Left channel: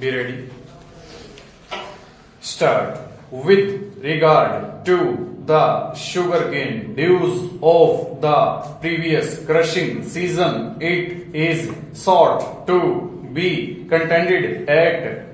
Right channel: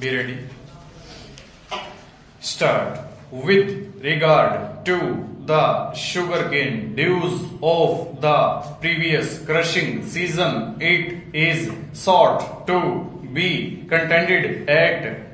Be ready. Start. With regard to the sugarcane dues of the previous crushing season, it is sought to be contended that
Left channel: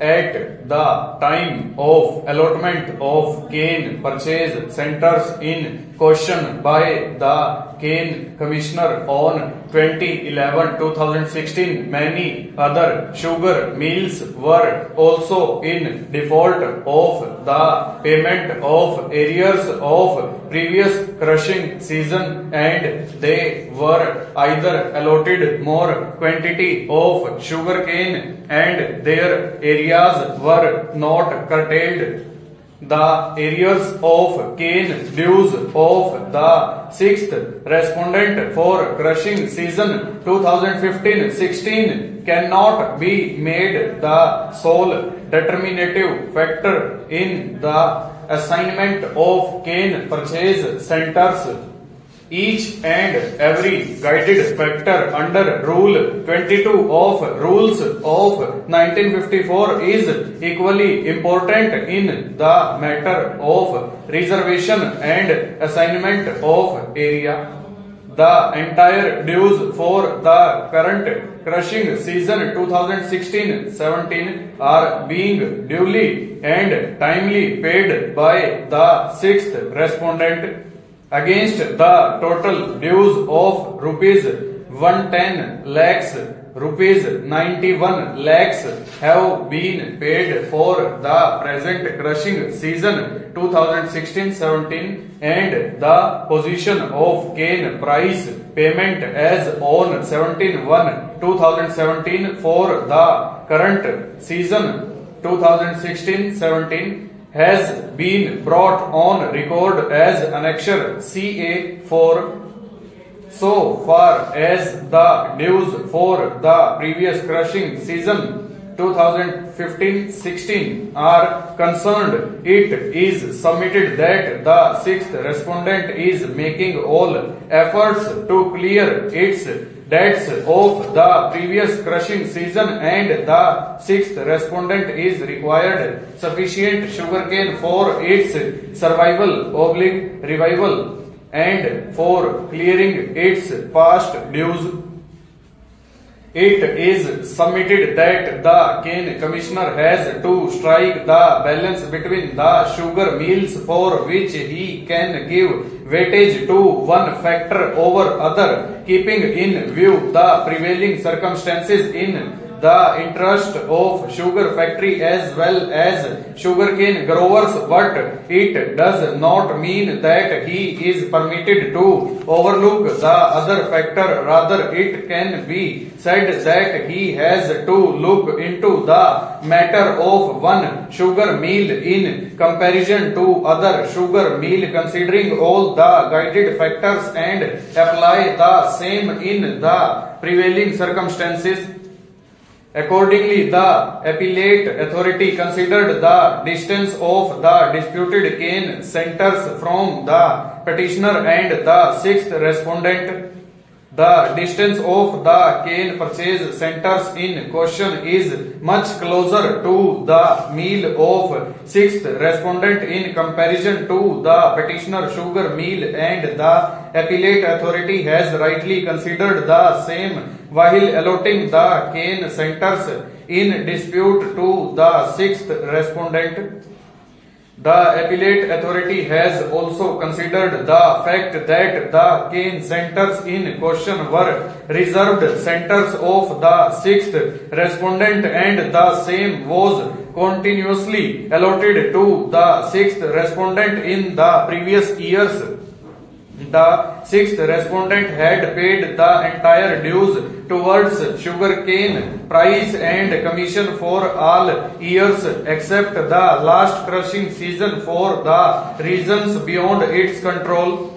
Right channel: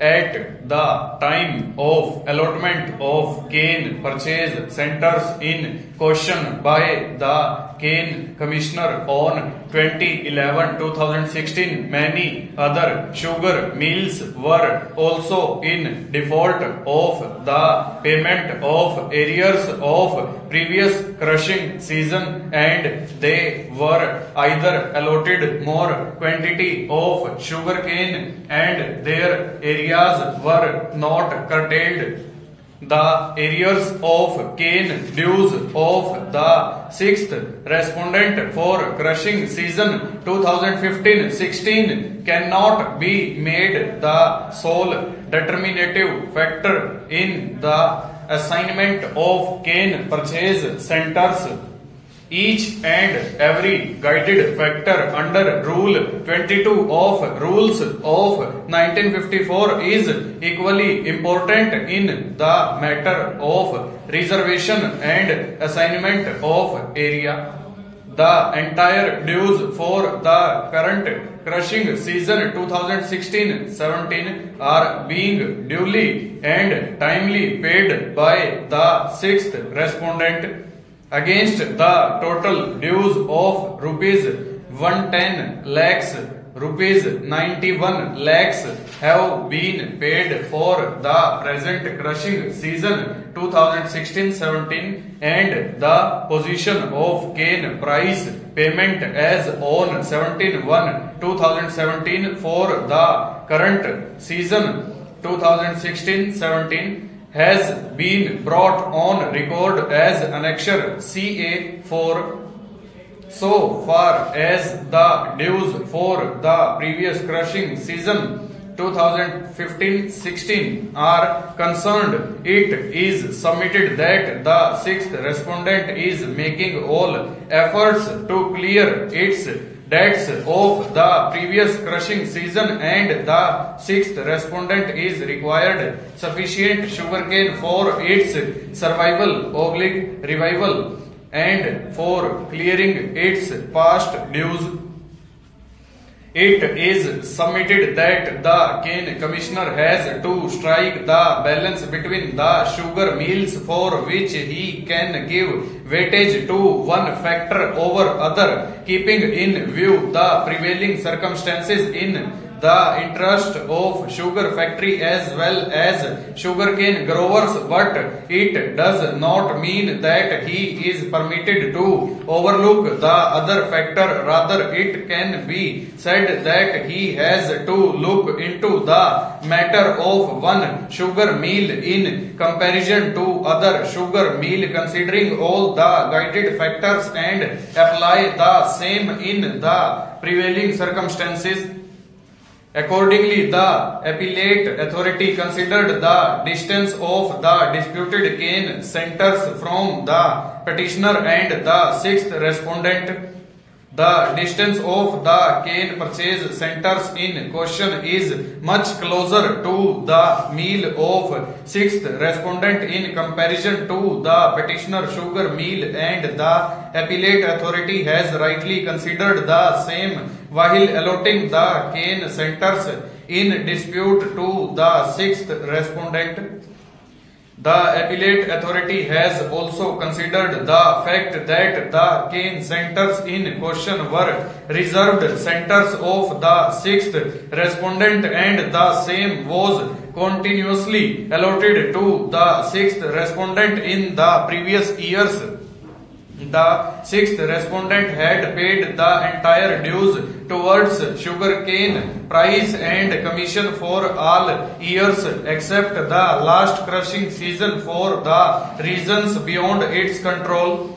at the time of allotment of cane purchase centers in question by the Cane Commissioner on 2011-2016, many other sugar mills were also in default of the payment of arrears of previous crushing season, and they were either allotted more quantity of sugar cane and their areas were not curtailed. The arrears of cane dues of the sixth respondent for crushing season 2015-16 cannot be made the sole determinative factor in the assignment of cane purchase centers. Each and every guided factor under Rule 22 of Rules of 1954 is equally important in the matter of reservation and assignment of area. The entire dues for the current crushing season 2016-17 are being duly and timely paid by the sixth respondent. Against the total dues of rupees 110 lakhs, rupees 91 lakhs have been paid for the present crushing season 2016-17, and the position of cane price payment as on 17/1/2017 for the current season 2016-17 has been brought on record as Annexure CA4. So far as the dues for the previous crushing season 2015-16 are concerned, it is submitted that the sixth respondent is making all efforts to clear its debts of the previous crushing season, and the sixth respondent is required sufficient sugarcane for its survival/revival and for clearing its past dues. It is submitted that the Cane Commissioner has to strike the balance between the sugar mills for which he can give weightage to one factor over other, keeping in view the prevailing circumstances in the interest of sugar factory as well as sugarcane growers, but it does not mean that he is permitted to overlook the other factor. Rather, it can be said that he has to look into the matter of one sugar mill in comparison to other sugar mill, considering all the guided factors, and apply the same in the prevailing circumstances. Accordingly, the appellate authority considered the distance of the disputed cane centers from the petitioner and the sixth respondent. The distance of the cane purchase centers in question is much closer to the mill of sixth respondent in comparison to the petitioner sugar mill, and the appellate authority has rightly considered the same while allotting the cane centers in dispute to the sixth respondent. The appellate authority has also considered the fact that the cane centers in question were reserved centers of the sixth respondent, and the same was continuously allotted to the sixth respondent in the previous years. The sixth respondent had paid the entire dues towards sugarcane price and commission for all years except the last crushing season for the reasons beyond its control.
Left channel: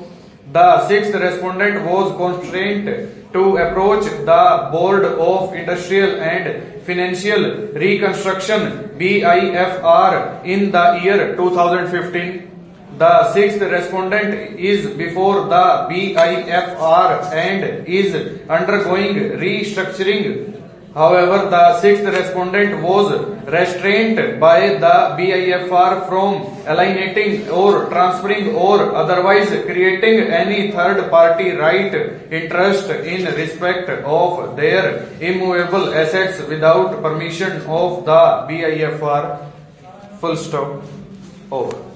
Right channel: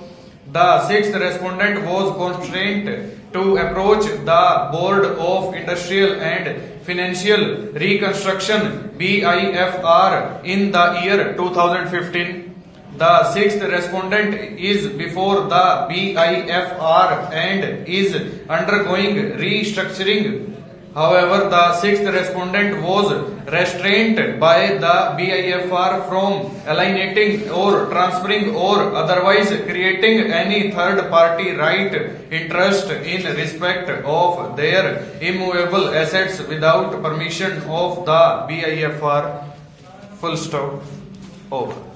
The sixth respondent was constrained to approach the Board of Industrial and Financial Reconstruction (BIFR) in the year 2015. The sixth respondent is before the BIFR and is undergoing restructuring However, the sixth respondent was restrained by the BIFR from alienating or transferring or otherwise creating any third party right interest in respect of their immovable assets without permission of the BIFR. Full stop. Over.